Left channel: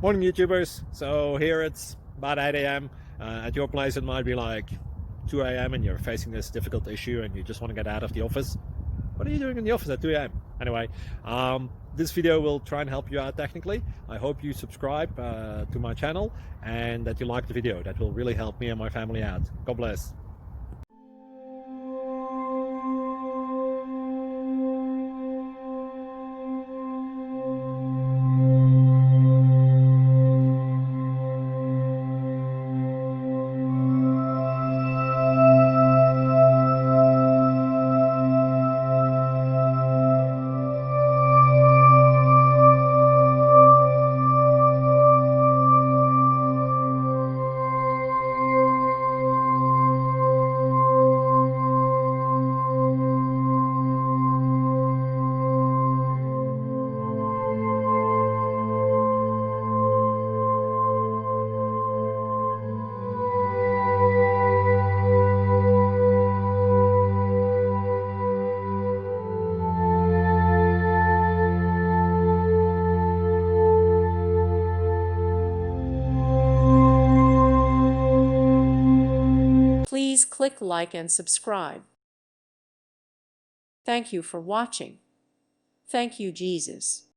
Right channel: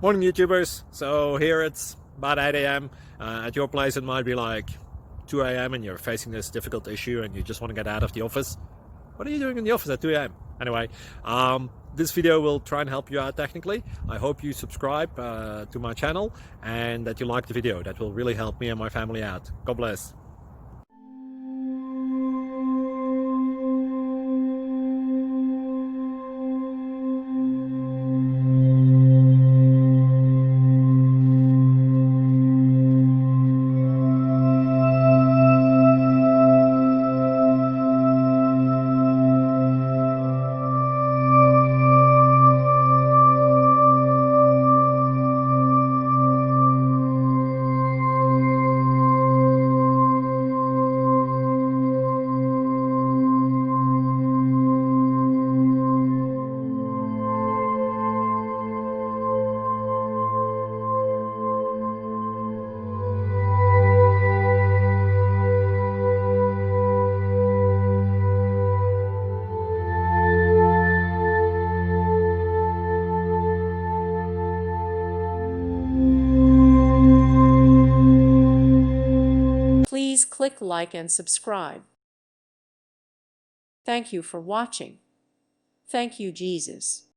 Morning YouTubers. So here it's about 8 a.m. At your place it might be like 2 a.m. and you're facing this difficult issue and you just want to get out of the office. What are you doing in the office at 2 a.m.? Anyway, this video will try and help you out technically. I hope you subscribe to my channel and that you like the video. That will really help me and my family out. God bless. Please click like and subscribe. Thank you for watching. Thank you, Jesus.